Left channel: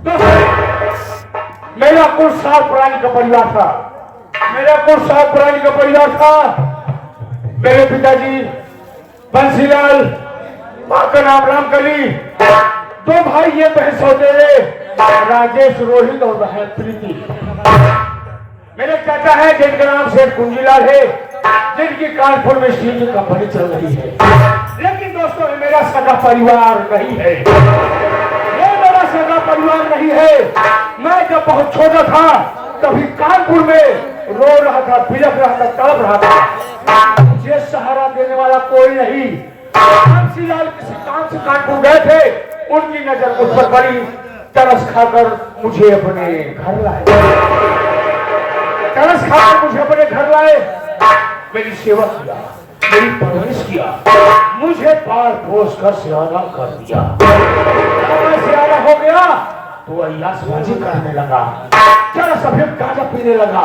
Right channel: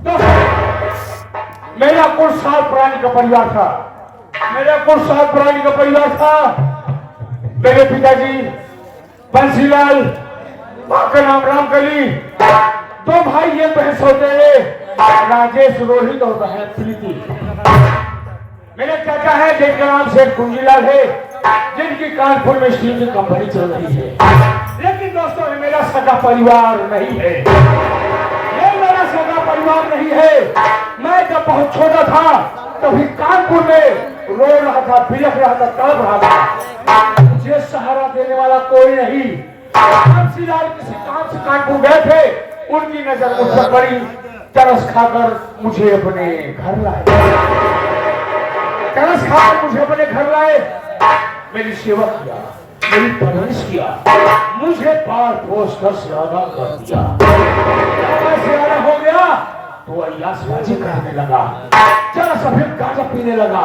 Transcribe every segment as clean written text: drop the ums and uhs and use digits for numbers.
तो मेरा कुछ साल पुरानी का परिवार था, मेरा कुछ साल पुरानी का परिवार था। मेरे पिताजी बंसीलाल, माँ का नाम रामकली, दो भाई ये बहन सौतेले राजेश, रोहित और बहन प्रीति। मेरे चाचा है जिनका नाम शेख कुंजीलाल है, जिनकी कानपुर में स्टील की कंपनी चल रही है। लेकिन दोस्तों ये मेरा सगा परिवार नहीं है, ये मेरा सगा परिवार नहीं है। मैं जब बहुत छोटा था तभी कानपुर में रो रहा था, बिलख रहा था, तड़प रहा था। मुझे सहारा देने वाला कोई नहीं। बंसीलाल किसी काम से कानपुर गए थे, उनकी नजर मुझ पर पड़ी, तरस खाकर मुझे अपने घर लाए, तरस खाकर मुझे अपने घर लाए, मेरी सेवा किया, मेरी परवरिश किया, मुझे पाल पोस कर सियाना कर दिया। सियाना हो गया तो अय्यासबाजी करने लगा, चला सफेद गांजा पीने लगा,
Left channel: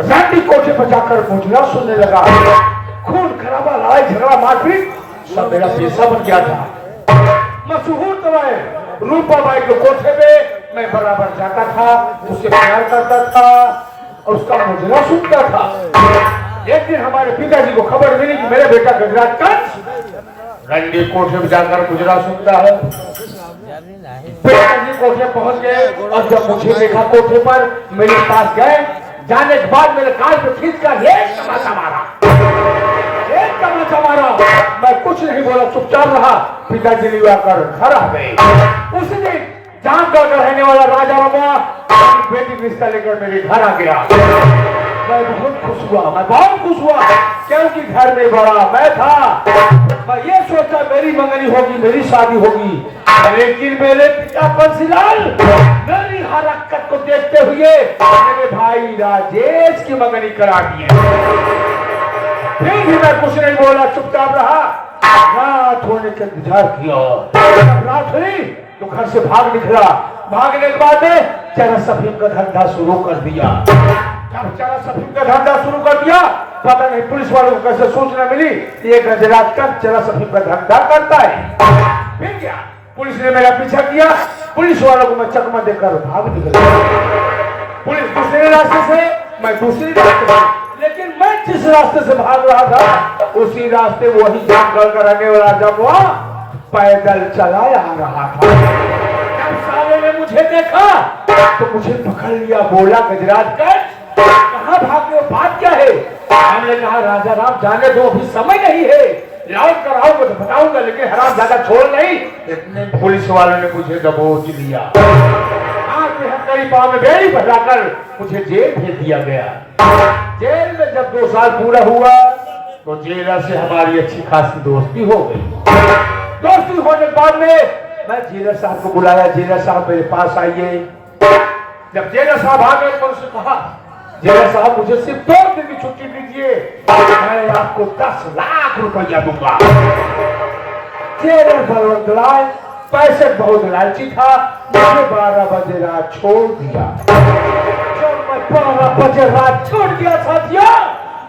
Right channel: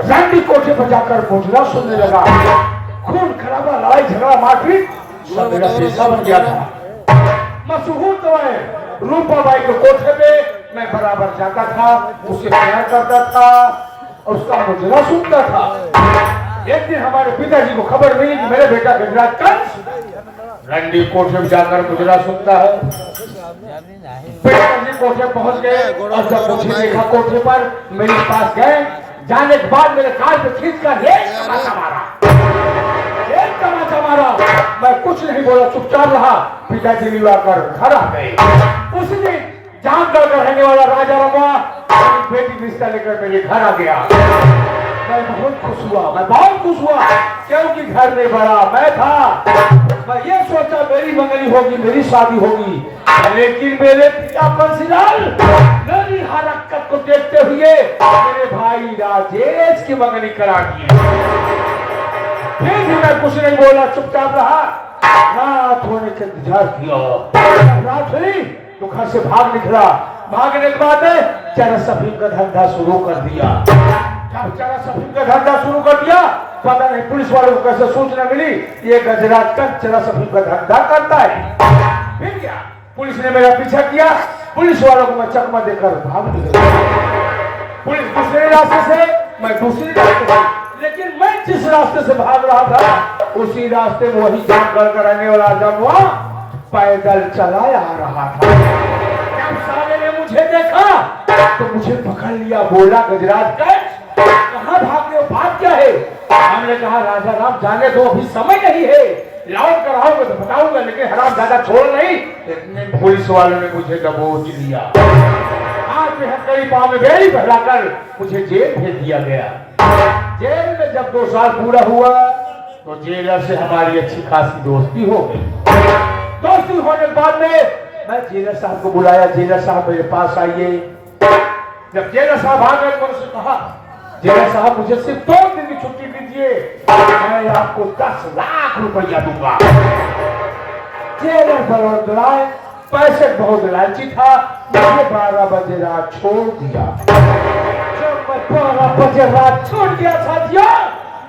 रंडी कोठे पर जाकर मुजरा सुनने लगा, खून खराबा, लड़ाई झगड़ा, मारपीट सब मेरा पेशा बन गया था। मशहूर तो है रूपा बाई के कोठे पे मैं बराबर जाता था, उसे प्यार करता था, उसका मुजरा सुनता था। एक दिन हमारे पिताजी को खबर मिली कि मेरा बेटा गजराज कंस रंडी कोठे में जाकर मुजरा सुनता है। पिताजी कोठे पहुंच गए और जब मुझे देखा कोठे पर, मेरे पास गए, जाने के बाद मेरे कान पे खींचकर एक तमाचा मारा, एक तमाचा मारा। मैं कुछ नहीं बोला, चुपचाप रहा। पिताजी लिया कर घर आ गए। उसी दिन जानगढ़ का रहने वाला राजा रमुआ बेटी की रिश्ता लेकर मेरे घर आ गया। मैं बहुत खुश हुआ, मैं बहुत खुश हुआ, क्योंकि घर में बड़ा मैं था। मैं ये सोचा मेरी मंगनी होगी, मेरी शादी होगी, लेकिन मेरे पिता बंसीलाल मेरी हरकत को देखते हुए मेरे भाई राजेश की मंगनी करा दिए। फिर भी मैं कुछ नहीं बोला, चुपचाप रहा। रात होने का इंतजार किया, रात हुई तो घर से भाग निकला। भागने के बाद चना सफीम का धंधा शुरू कर दिया। जब चना सफीम का धंधा शुरू कर दिया, पता नहीं पुलिस वालों को कैसे सूचना मिली ये गजराज का चना सफीम का धंधा करता है। फिर क्या, पुलिस ने मेरा पीछा किया, पुलिस वालों को मैं चकमा देकर भाग निकला। पुलिस दूसरे रास्ते से, मैं दूसरी रास्ते से, लेकिन मैं जिस रास्ते से भाग रहा था उसी रास्ते वही जानगढ़ का रहने वाला रमुआ पैदल चला आ रहा था। जब साले ने मुझे देखा तो मुझे पकड़ लिया, बोला गजराज कहाँ भाग रहे हो, बात क्या है? हमने कहा राजा राम जाने दो, अभी समय नहीं है, लौट कर आओगे तो बताऊंगा, लेकिन हराम ज्यादा छोड़ नहीं। इतने पुलिस वालों ने मुझे दबोच लिया, हाथ में हथकड़ी, पांव में बेड़ी भगाकर मुझे जेल भेज दिया गया। जेल में जब 2 साल पूरा हुआ तो जेलर से हमारी अच्छी खासी दोस्ती हो गई। दोस्ती होने के बाद में मैं जेलर साहब को बुलाया, जेलर साहब मेरे पास आइए। जब जेलर साहब आ गए तो उसने कहा, जेलर साहब मुझे सिर्फ 2 दिन की छुट्टी दीजिए, मैं आपको 10 लाख रुपया दूंगा। जेलर बड़ोदराय पैसे बहुत लालची था, मुझे 12 बजे रात छोड़ दिया। जब मैं 12 बजे रात छोड़ दिया साथियों,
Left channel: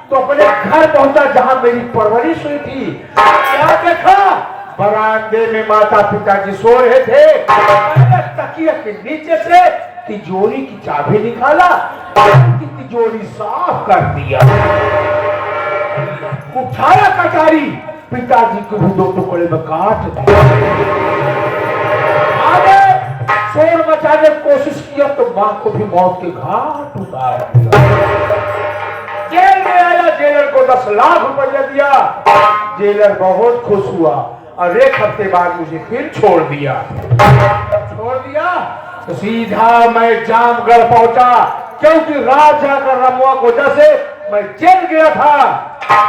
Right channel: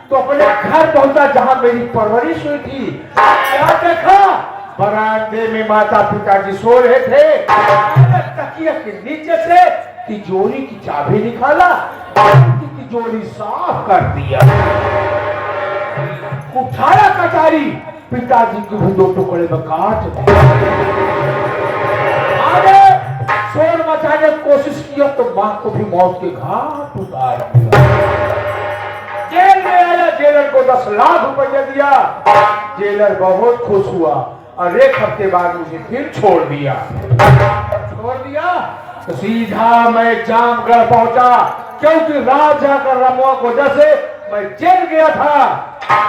तो अपने घर पहुंचा जहां मेरी परवरिश हुई थी। क्या देखा, बरामदे में माता पिताजी सो रहे थे। तकिया के नीचे से तिजोरी की चाबी निकाला, उनकी तिजोरी साफ कर दिया, उठाया कटारी, पिताजी के भी 2 टुकड़े में काट दिया। आगे शोर मचाने की कोशिश किया तो मां को भी मौत के घाट उतार दिया। जेल में आया, जेलर को 10 लाख रुपया दिया। जेलर बहुत खुश हुआ और 1 हफ्ते बाद मुझे फिर छोड़ दिया। छोड़ दिया तो सीधा मैं जामगढ़ पहुंचा, क्योंकि राजा का रमुआ को वजह से मैं जेल गया था।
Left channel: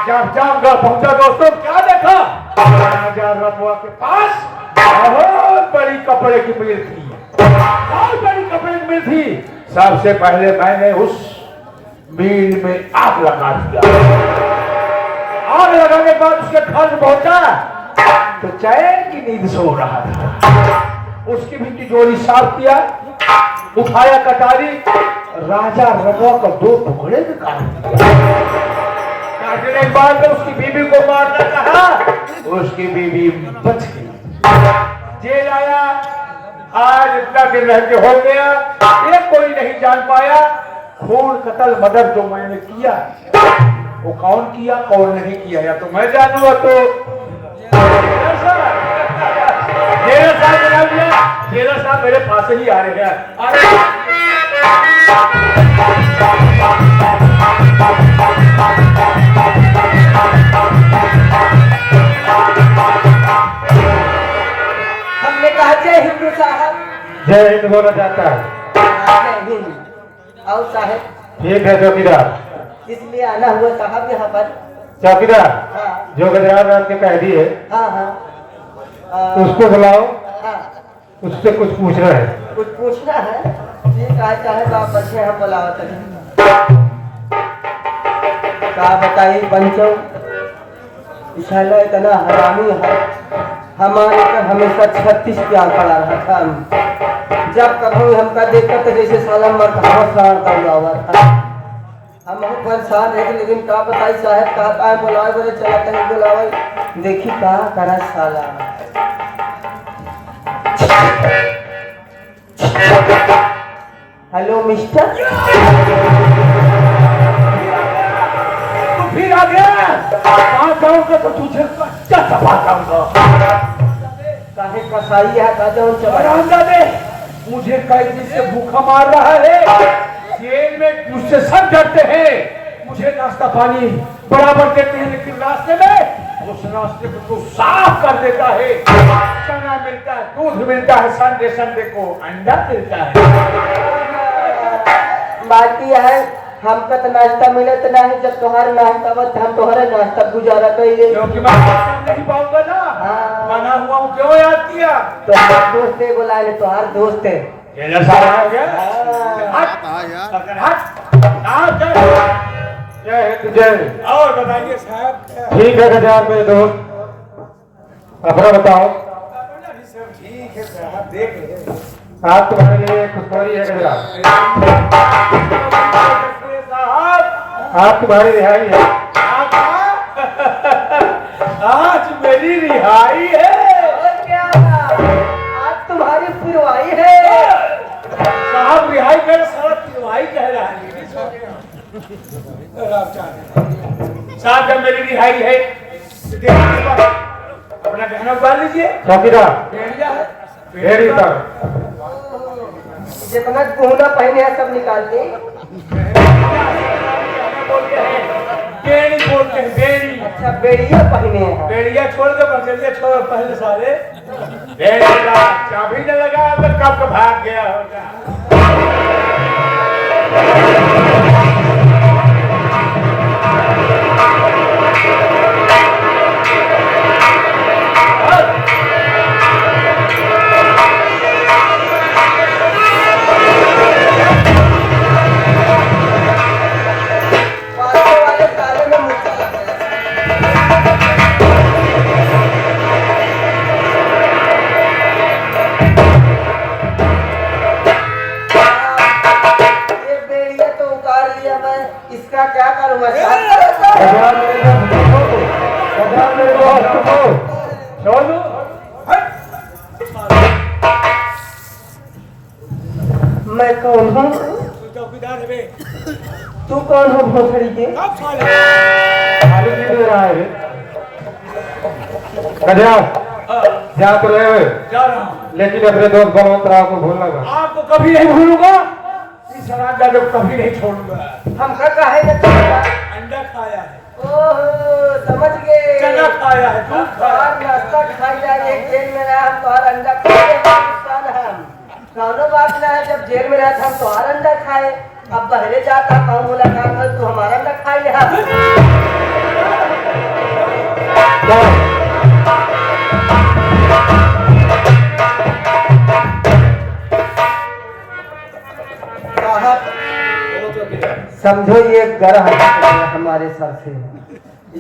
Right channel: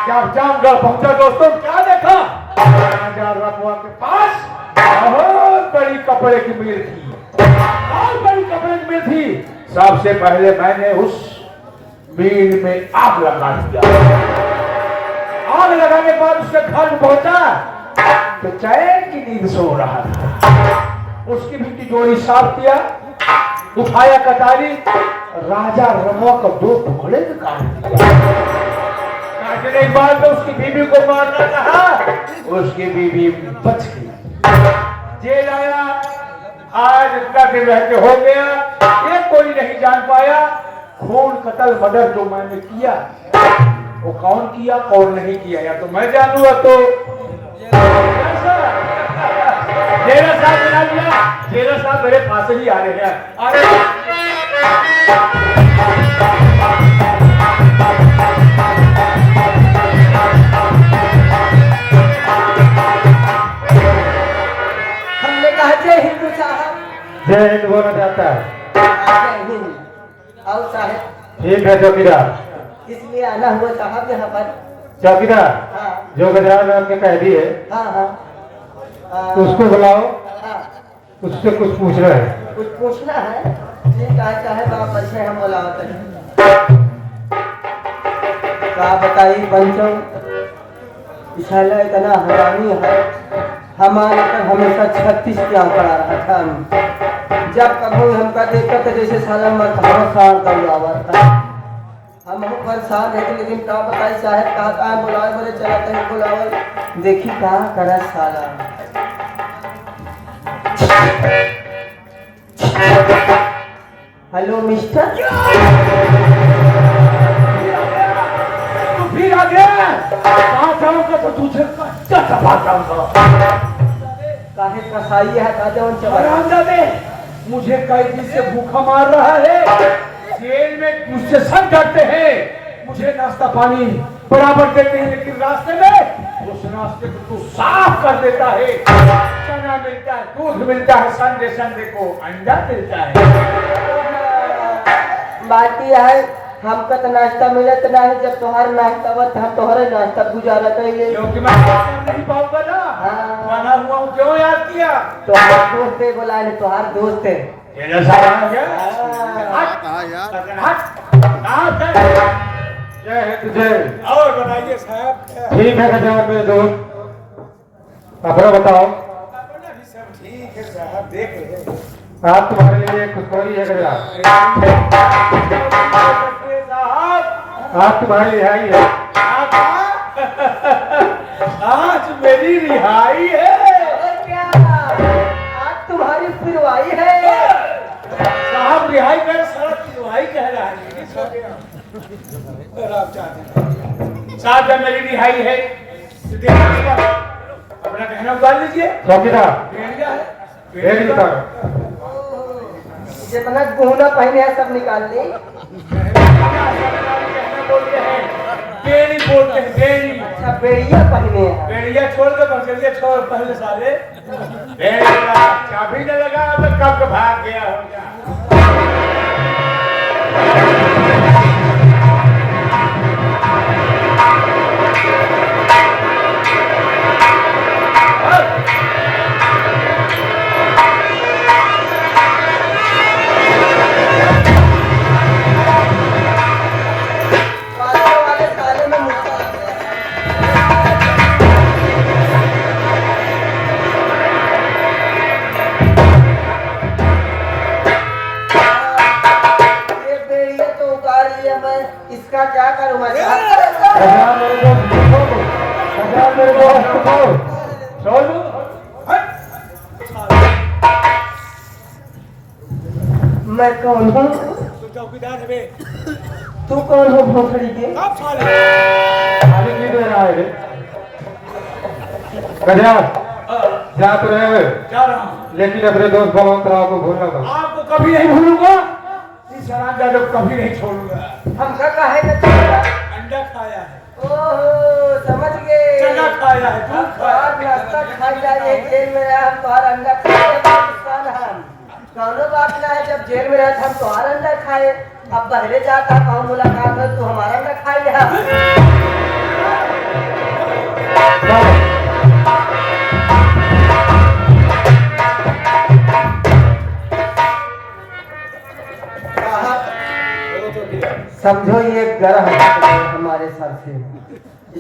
जब जामगढ़ पहुंचा दोस्तों, क्या देखा, राजा रमुआ के पास बहुत बड़ी कपड़े की मिल थी, बहुत बड़ी कपड़े की मिल थी। सबसे पहले मैंने उस मिल में आग लगा दिया। आग लगाने के बाद उसके घर में पहुंचा तो चैन की नींद सो रहा था। उसकी भी तिजोरी साफ किया, उठाया कटारी, राजा रमुआ को 2 टुकड़े में काट दिया। काटने के बाद में उसकी बीबी को मारना कहा, उसकी बीबी बच गई। जेल आया, आज इतना दिन रह के हो गया, ये कोई नहीं जान पाया खून कत्ल मर्डर जो मैंने किया वो कौन किया कौन नहीं किया, या तो मैं जानूंगा तो जेरा साहब बुला लिया। जेरा साहब मेरे पास ही आ रहे हैं। हमने कहा जय हिंद साहब। जय हिंद बोला जाता है। जय हिंद। आओ साहब। ठीक है चौकीदार। इसलिए आना हुआ साहब यहाँ पर। चौकीदार हाँ जो गुजरात रात के कैदी है हाँ हाँ उसको बुलाओ, हाँ। उससे कुछ पूछना है। कुछ पूछना है? ठीक है साहब, आप अच्छे हम बुलाओ क्या बताइए पंचो, इशाला इतना हरामी है, हमारे पर हमेशा 36 क्या पड़ा रहा था। जब कभी हमका देखा तो जैसे साला मरता हुआ था। हम परेशान है लेकिन क्या बताई साहब, कहा बुलाए बोले चला कहीं बुलाओ, देखी कहा करा साला। Hello mister. तू फिर आ गया, कहाँ जाऊंगा तो तुझे क्या सफा करूंगा। काहे कसाई है दादा उन दे मुझे कैदी से भूखा मार रहा है, जेल में मुझसे सब डरते हैं, मुझे नाश्ता पानी बराबर देते हैं, लेकिन रास्ते में उस रास्ते को तू साफ कर देता है। चना मिलता है, दूध मिलता है, संडे संडे को अंडा मिलता है। बात यह है हमका तो नाश्ता मिलत ना है, जब तुम्हारा नाश्ता बत हम तुम्हारा नाश्ता गुजारा करिए, क्योंकि मैं नाश्ता नहीं पाऊंगा ना। हाँ। बना हुआ हूँ, क्यों याद किया? तुम्हारा दोस्त है, बुलाए तुम्हारा दोस्त है। ये जैसा आ गया जय हिंद जय। और बताइए साहब। ठीक है गजान मेरे दोस्त, अपना बताओ। अपना भी सब ठीक है साहब, देख रहे हैं। आप तुम्हारे लिए खुशखबरी है गजान, साहब आप तुम्हारी रिहाई है। आज मेरी रिहाई है। और क्या आज तुम्हारी फिरवाई है? साहब रिहाई कर, साहब रिहाई कह रहा है। साहब जब मेरी रिहाई है अपना कहना उतार लीजिए। चौकीदार भेड़िया है, रेडी करो। जितना गहना पहने है सब निकाल ली। बोलते हैं बेड़ी, बोलते हैं बेड़ी। अच्छा बेड़िया पहने हैं। बेड़िया छोड़ के बंगलिया छोड़ पहले सारे बेड़ी का चाबी न लगा तो कब भाग गया होगा। वाले साले में मुक्का लग गया। ये बेड़िया तो उतार लिया मैं, इसका क्या करूँगा? गजान मेरे दोस्त, गजान मेरे दोस्त छोड़ो मैं कौन हूँ? चौकीदार है बे। तू कौन हो भोसड़ी के? कब साले खाली नहीं दे रहा है रे। गजान जा तो रहे हो, जा रहा हूँ, लेकिन अपने दोस्त बलवंत राव को भूलना मत। आपको कभी नहीं भूलूंगा, इस शराब जादव कभी नहीं छोड़ूंगा। हमका काहे न छोड़ा? अंडा खाया है, ओह समझ गए। चना खाया है, दूध खाया बाहर नाश्ता खाई जाए एक जेल में ना, हम तुम्हारा अंडा खाए पाकिस्तान हम कौनो बात ना है। जब जेल में रहता हम तुम्हारा अंडा खाए, अब बहरे जाता कौन मुलाकात कर तो हमारा अंडा खाई जा। समझो ये ग्रह है हमारे सर से,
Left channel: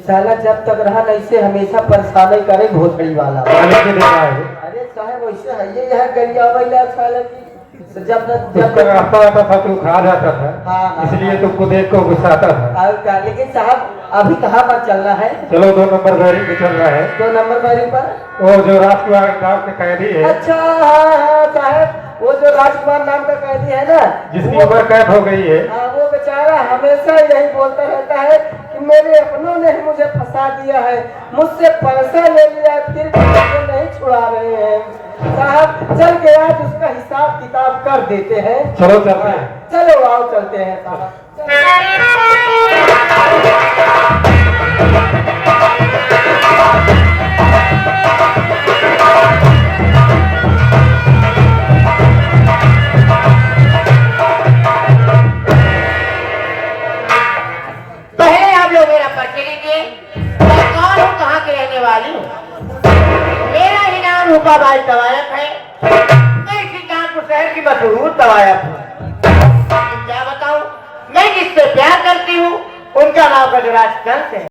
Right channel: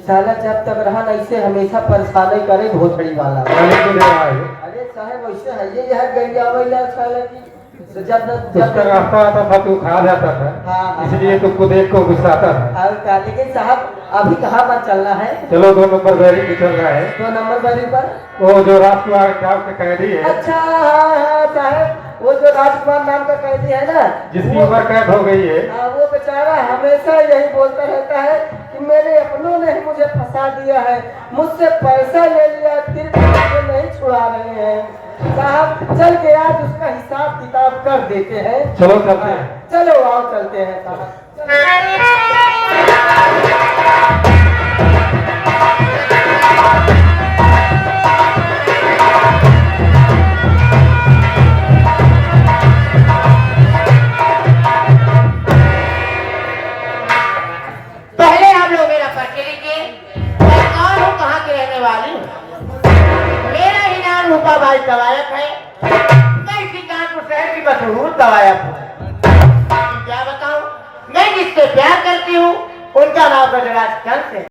साला जब तक रहा ऐसे हमेशा परेशानी करे घोसड़ी वाला। खाली नहीं दे रहा है। अरे साहब वैसे है ये यह गरिया वाला साला की तो जब उसका रास्ता आता था तो खा जाता था, हाँ। इसलिए तुमको देख को गुस्सा आता था। और क्या, लेकिन साहब अभी कहाँ पर चलना है? चलो 2 नंबर गाड़ी पे चल रहा है। 2 नंबर गाड़ी पर? वो जो राजकुमार गांव के कैदी है, अच्छा, हाँ साहब, वो जो राजकुमार नाम का कैदी है ना, जिसकी वो- उम्र कैद हो गई है, हाँ, वो बेचारा हमेशा यही बोलता रहता है कि मेरे अपनों ने ही मुझे फंसा दिया है, मुझसे पैसा ले लिया, फिर भी मुझे नहीं छुड़ा रहे हैं। साहब चल के आज उसका हिसाब किताब कर देते हैं। चलो चलते हैं। चलो आओ चलते हैं साहब। पहले आप लोग मेरा परिचय लीजिए। मैं कौन हूँ, कहाँ की रहने वाली हूँ। मेरा ही नाम रूपाबाई तवायफ है। मैं सुल्तानपुर शहर की मशहूर तवायफ हूँ। क्या बताऊँ, मैं जिससे प्यार करती हूँ उनका नाम गजराज चंद है।